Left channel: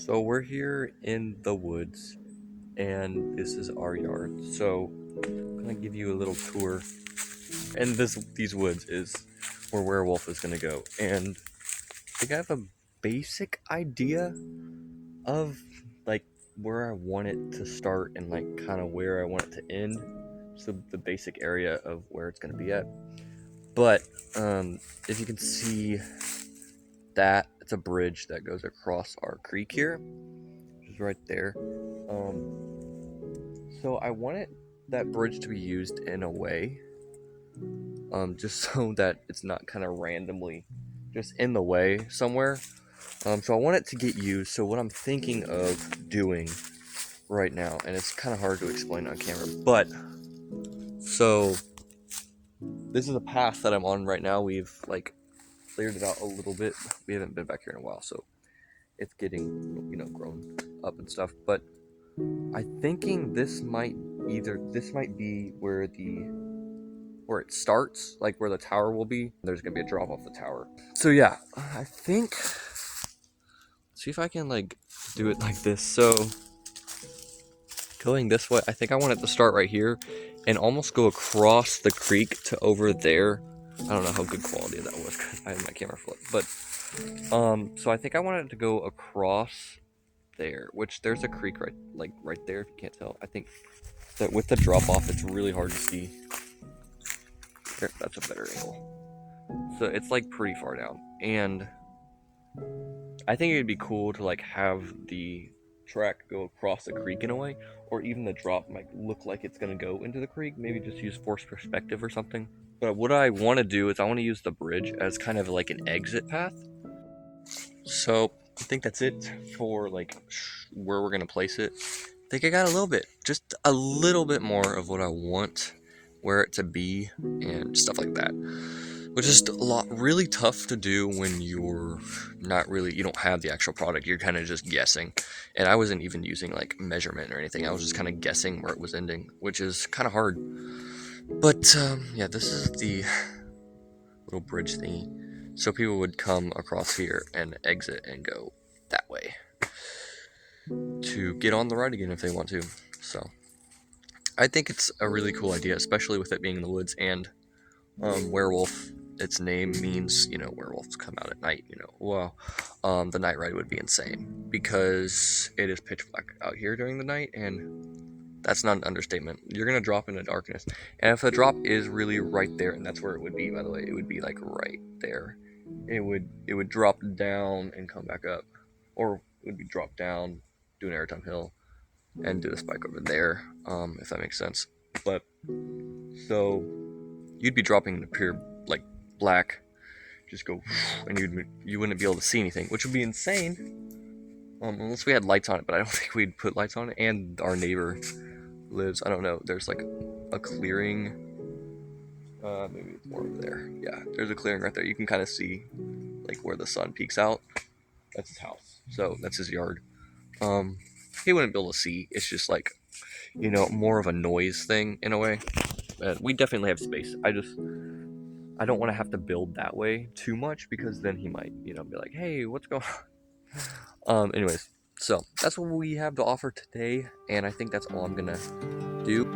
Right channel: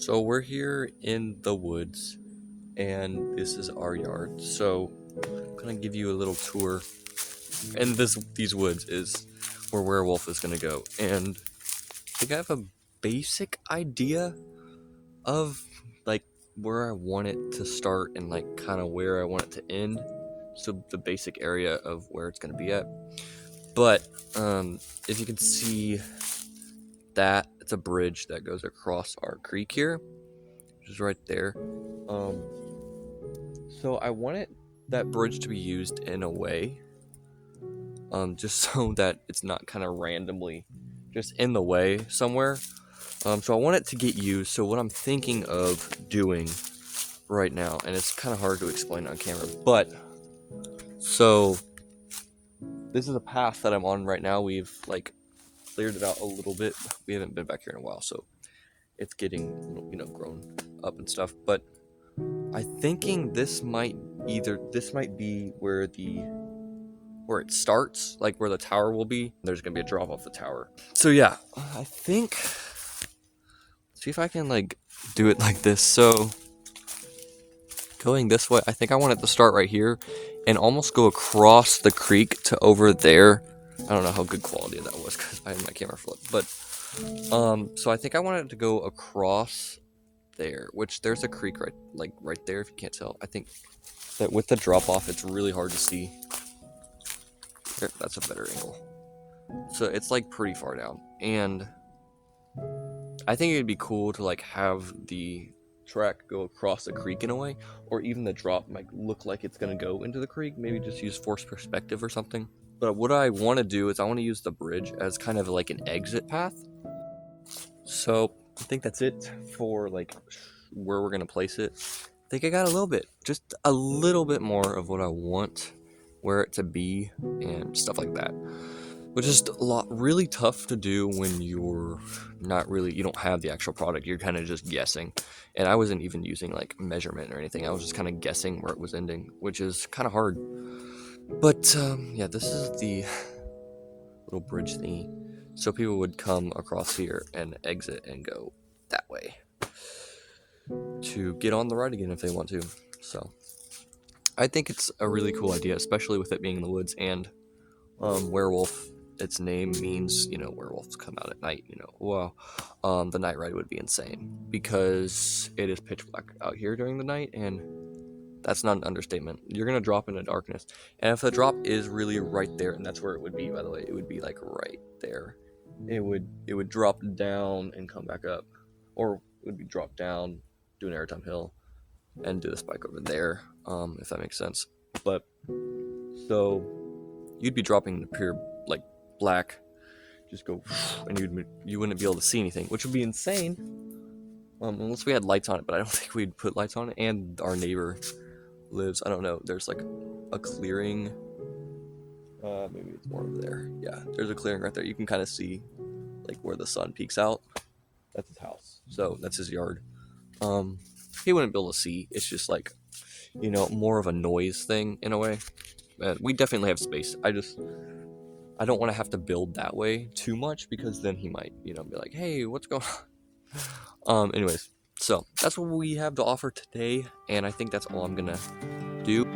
So we're here in the woods, and this is our yard. So I'm gonna give you a little tour, and these woods is where Werewolf is gonna go. And I think I have a basic idea of like where I want it to start and like kind of where I want it to end. So the basic area of where it's gonna be at. But if you can see that, it's a bridge that goes across our creek here, which is right there. So I wanted that bridge to be used in a way, just so that it's not kind of randomly just in the way somewhere. So I want it to get used. So what I'm thinking of doing right now, and it's kind of hard to explain on camera, but so this is a path that I'm on right now. We've like cleared it out a little bit. We haven't been back here in a while, so it's getting grown up and stuff. But I'm thinking this might be where it starts, like where the tower will be. There's gonna be a drop off the tower. So yeah, I think, see if I can like do it like this. So going this way, I think I want it to start right here and almost go across the creek to over there. I don't know how good quality that was because I had my camera flip, but so I think I want it to go across there, which there's a creek right there if you can't tell. I think that with the drop off it's really hard to see. That's a better angle. So it's like pretty far down, and I think it'd be cool to like have the track go across the creek in a way, or even the drop might look like it's gonna go into the creek. Maybe just use forced perspective or something. But what I want to do is I want to use the bridge as kind of like an exit path. So I think that's it for like where we're gonna place it. I think I got just a little bit more of what I want where it to be and stuff like that, which is really tough to do when you don't have the actual product. You're kind of just guessing, and I wasn't even using like measurement or anything. I was just kind of guessing where it was ending, which is kind of hard. But yeah, this is the little bridge thingy. So people would come across here and exit and go that way to get on the ride again if they want to. So I think it's a really cool idea, especially with it being in the woods, and Werewolf, its name means, werewolves come out at night, the night ride would be insane because it is pitch black out here during the night, and that's not an understatement. You're going to drop into darkness, and if the drop is really right there, and that's where it would be, by the way, it would be like right there. It would drop down and come back up, or it would be dropped down, do an airtime hill, and do the spike over there, if that makes sense. But so you'd be dropping into pure like black, just go, and you wouldn't be able to see anything, which would be insane, unless we had lights on it. But I don't think we'd put lights on it. And our neighbor lives, I don't know, there's like a clearing, maybe it's more over there. Yeah, there's a clearing right there. You can kind of see like where the sun peeks out. That's his house, so that's his yard. He wouldn't be able to see. It's just like, more of a noise thing in a way. We definitely have space. I don't want to have to build that way too much, because then he might, be like, hey, what's going on? Anyways, so that's what we have to offer today, and I think that's all I'm gonna do.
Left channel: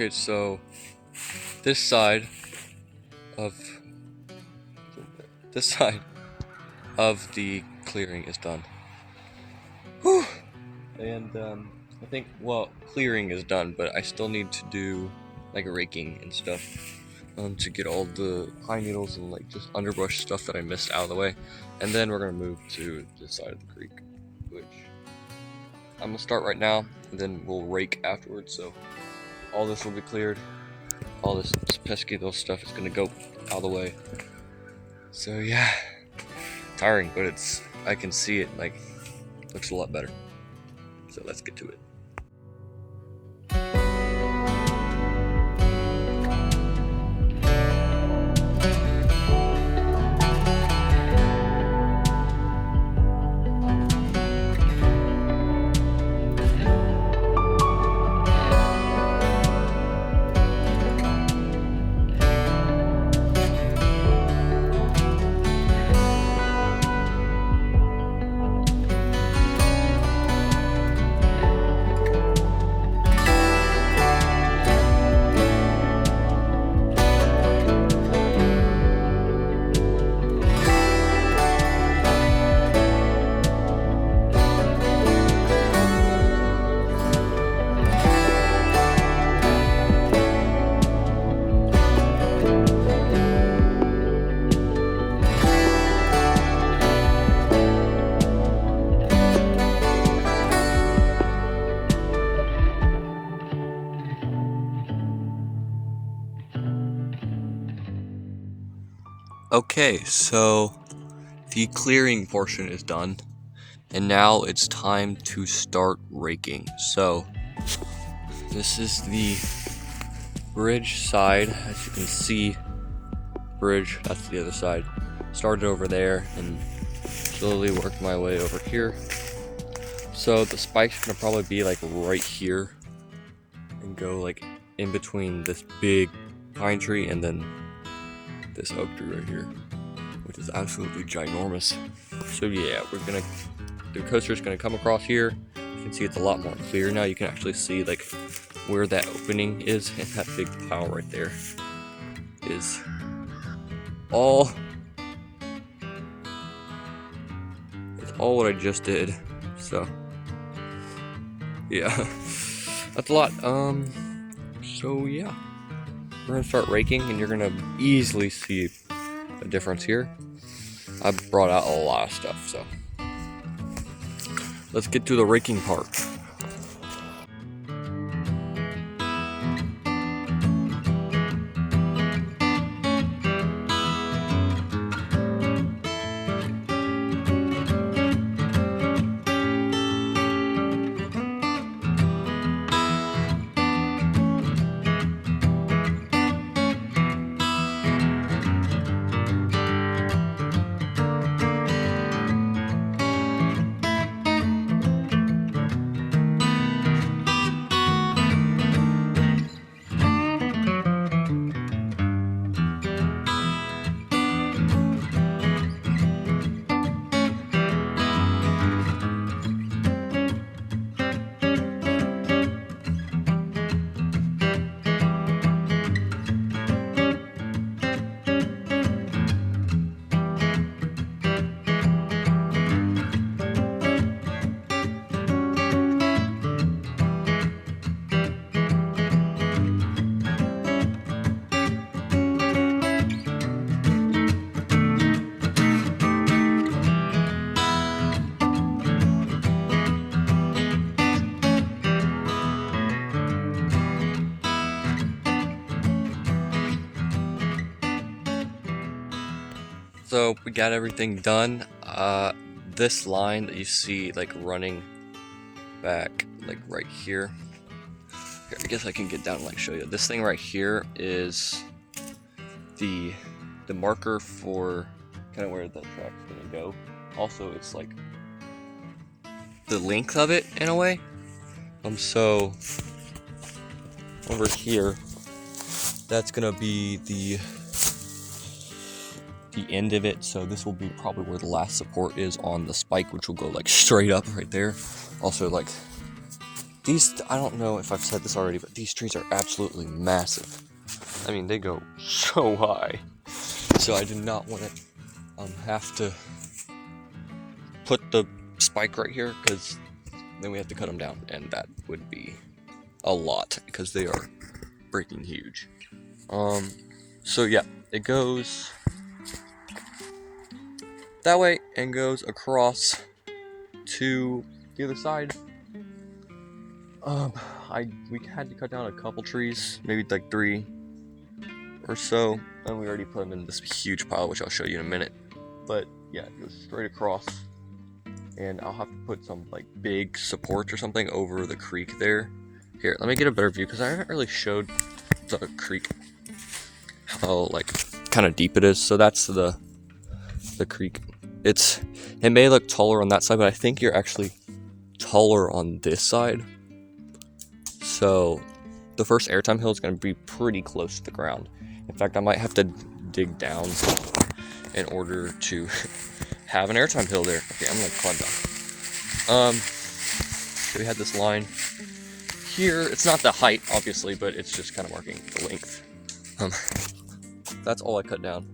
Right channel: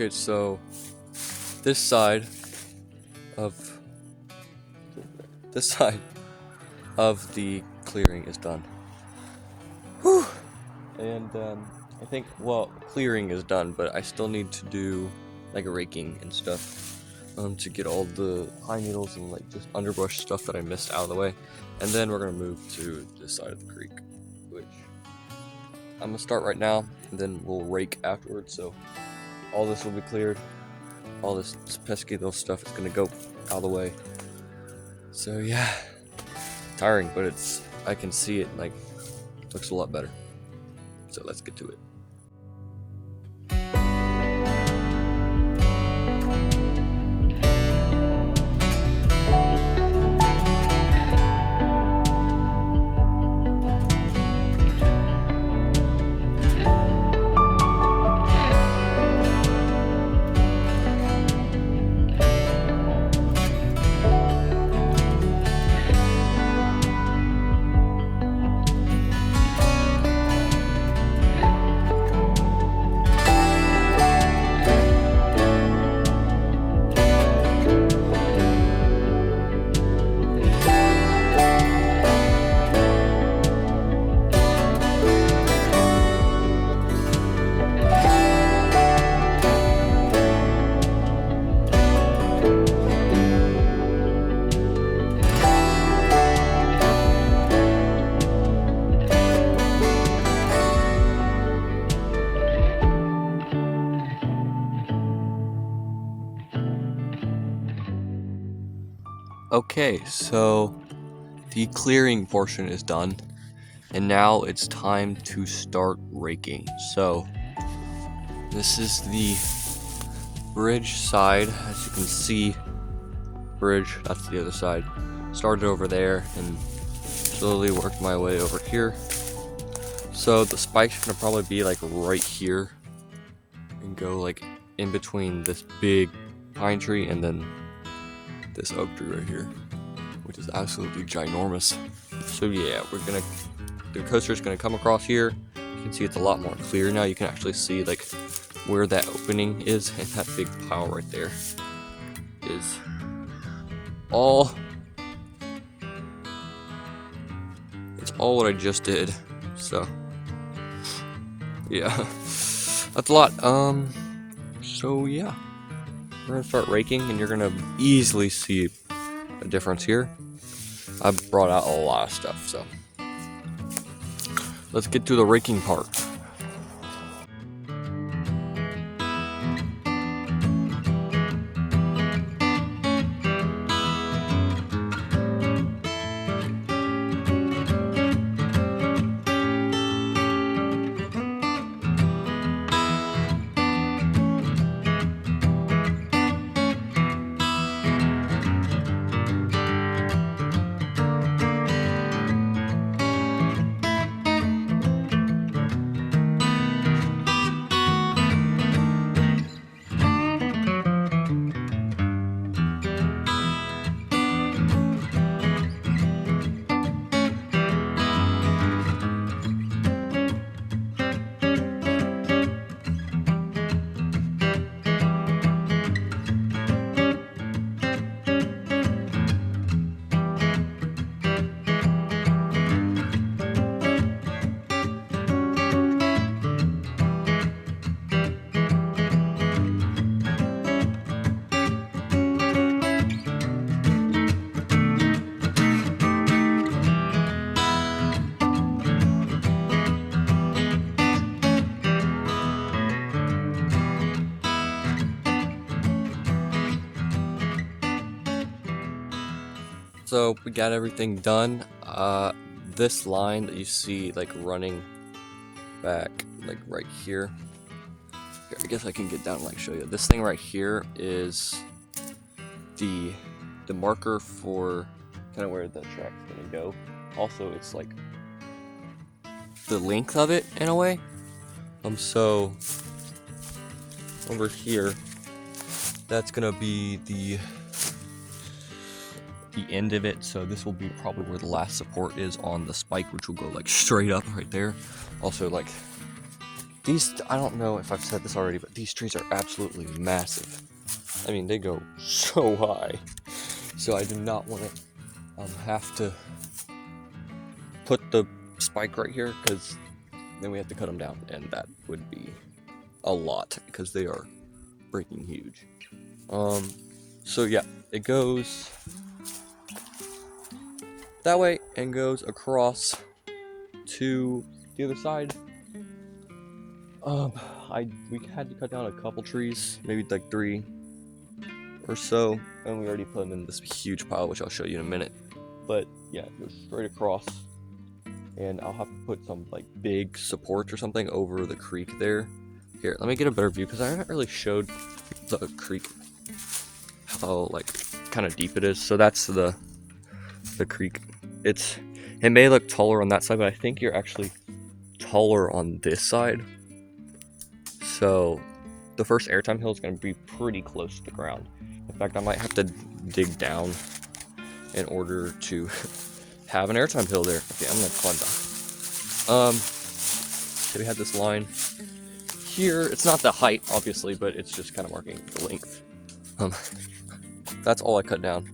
Okay, so this side of the clearing is done. Whew. And I think, well, clearing is done, but I still need to do like raking and stuff to get all the pine needles and like just underbrush stuff that I missed out of the way. And then we're gonna move to this side of the creek, which I'm gonna start right now, and then we'll rake afterwards. So all this will be cleared. All this pesky little stuff is gonna go out of the way. So yeah, tiring, but I can see it like looks a lot better. So let's get to it. Okay, so the clearing portion is done, and now it's time to start raking. So this is the bridge side. As you can see, bridge, that's the other side. Started over there and slowly worked my way over here. So the spike's gonna probably be like right here and go like in between this big pine tree and then this oak tree right here, which is absolutely ginormous. So yeah, the coaster's gonna come across here. You can see it's a lot more clear now. You can actually see like where that opening is, and that big pile right there is all. It's all what I just did. So yeah, that's a lot. So yeah. We're gonna start raking, and you're gonna easily see a difference here. I brought out a lot of stuff, so let's get to the raking part. So we got everything done. This line that you see like running back like right here. Here, I guess I can get down and like show you. This thing right here is the marker for kind of where the track's gonna go. Also, it's like the length of it in a way. So over here, that's gonna be the end of it. So this will be probably where the last support is on the spike, which will go like straight up right there. Also, like These, I don't know if I've said this already, but these trees are absolutely massive. I mean, they go so high. So I do not want to have to put the spike right here, because then we have to cut them down, and that would be a lot, because they are freaking huge. So yeah, it goes that way and goes across to the other side. We had to cut down a couple trees, maybe like 3 or so, and we already put them in this huge pile, which I'll show you in a minute. But yeah, it goes straight across, and I'll have to put some like big supports or something over the creek there. Here, let me get a better view, because I haven't really showed the creek how like kind of deep it is. So that's the creek. It may look taller on that side, but I think you're actually taller on this side. So the first airtime hill is going to be pretty close to the ground. In fact, I might have to dig down in order to have an airtime hill there. Okay, I'm going to climb down. So we had this line here. It's not the height, obviously, but it's just kind of marking the length. That's all I cut down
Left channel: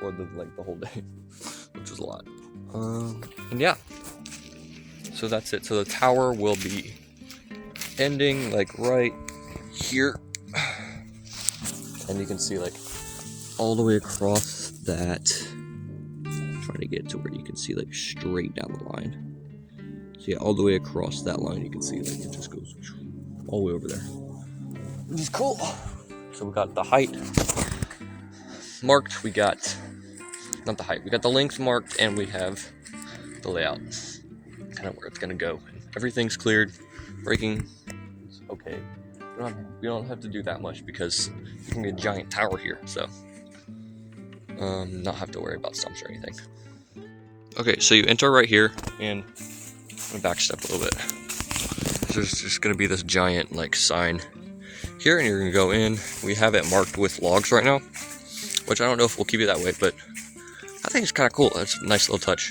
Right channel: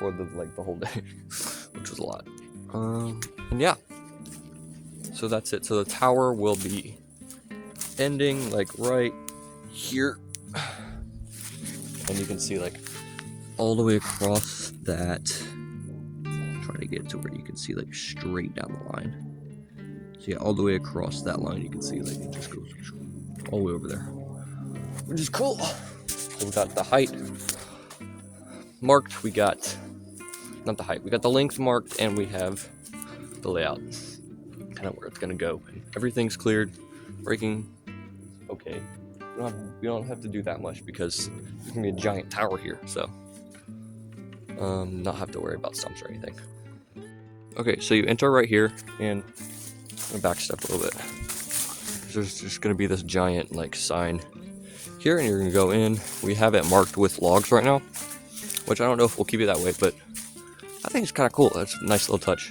for the whole day, which was a lot. And yeah, so that's it. So the tower will be ending like right here, and you can see like all the way across that. I'm trying to get to where you can see like straight down the line. So yeah, all the way across that line, you can see like it just goes all the way over there, which is cool. So we got the height marked. We got not the height. We got the length marked, and we have the layout, kind of where it's gonna go. Everything's cleared. Breaking is okay. We don't have to do that much, because there's gonna be a giant tower here, so not have to worry about stumps or anything. Okay, so you enter right here, and I backstep a little bit. There's just gonna be this giant like sign here, and you're gonna go in. We have it marked with logs right now, which I don't know if we'll keep it that way, but I think it's kind of cool. That's a nice little touch.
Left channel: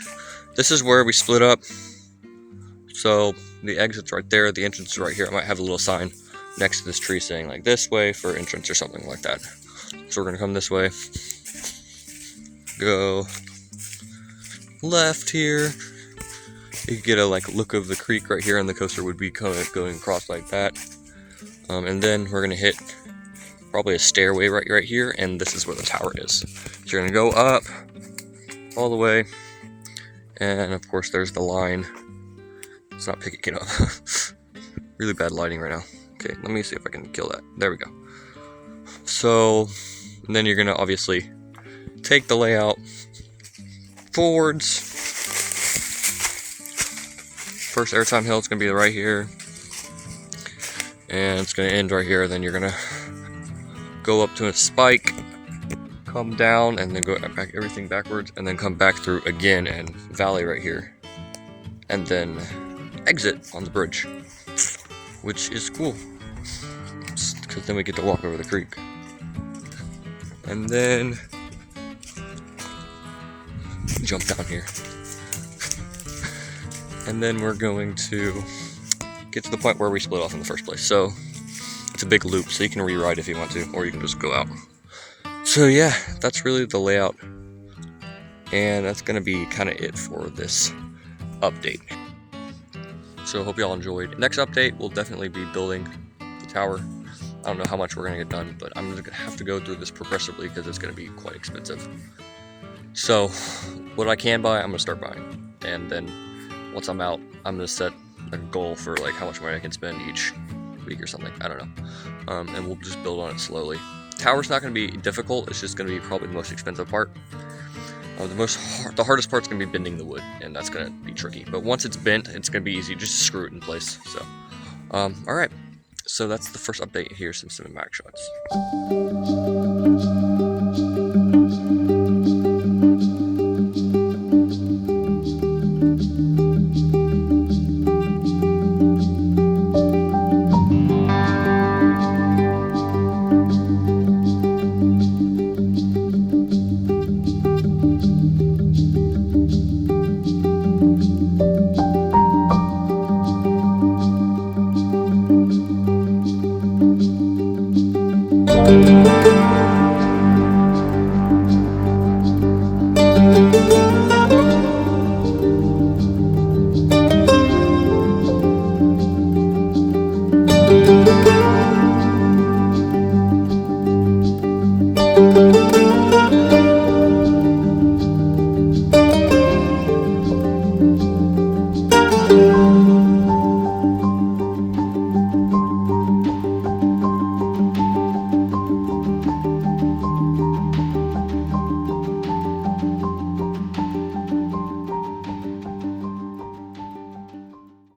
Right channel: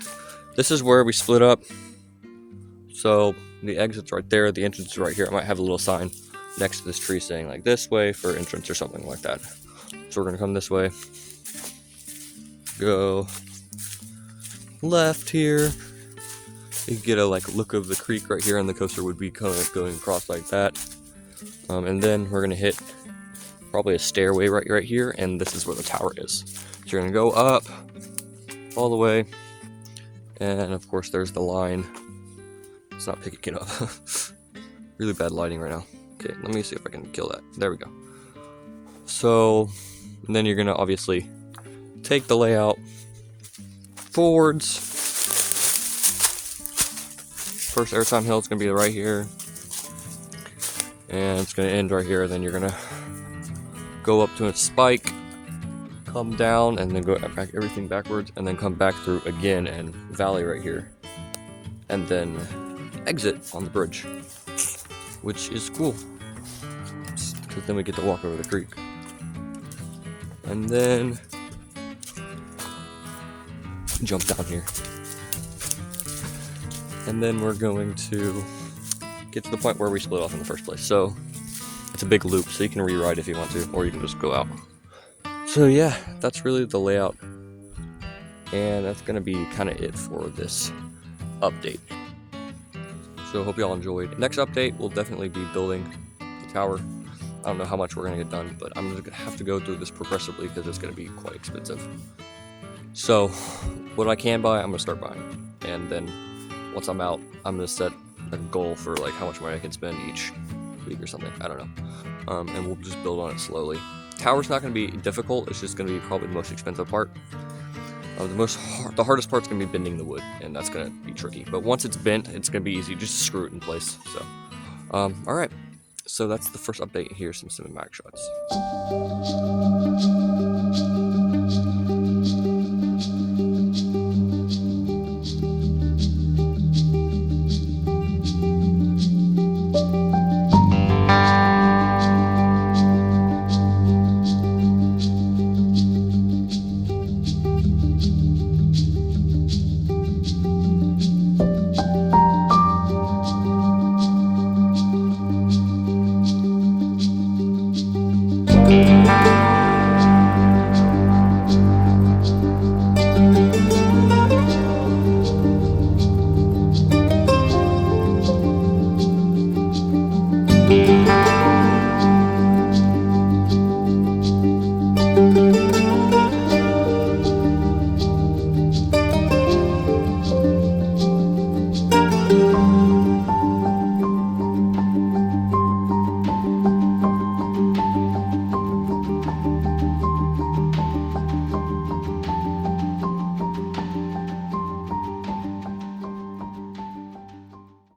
This is where we split up. So the exit's right there, the entrance is right here. I might have a little sign next to this tree saying like this way for entrance or something like that. So we're gonna come this way, go left here. You can get a like look of the creek right here, and the coaster would be going across like that. And then we're gonna hit probably a stairway right here, and this is where the tower is. So you're gonna go up all the way, and of course there's the line. It's not picking it up. Really bad lighting right now. Okay, let me see if I can kill that. There we go. So, and then you're gonna obviously take the layout forwards. First airtime hill is gonna be right here, and it's gonna end right here. Then you're gonna go up to a spike, come down, and then go back everything backwards, and then come back through again and valley right here, and then exit on the bridge, which is cool, because then we get to walk over the creek. And then jump down here, and then we're going to get to the point where we split off in the first place. So it's a big loop, so you can rewrite if you want to, or you can just go out. So yeah, that's really the layout, and that's gonna be kind of it for this update. So I hope y'all enjoyed. Next update, we'll definitely be building the tower. I don't know how much we're gonna get done, but I'm gonna have to go through this progressively, because it's gonna be quite expensive. So what I can buy, I'm gonna start buying, and then once I'm out, I'm gonna set a goal for like how much money I can spend each week or something. I don't know, and we'll just build on it slowly. Tower's not gonna be difficult. It's just gonna be probably the most expensive part. The hardest part's gonna be bending the wood, and that's gonna be tricky. But once it's bent, it's gonna be easy. Just screw it in place. So, all right. So that's the first update. Here's some cinematic shots.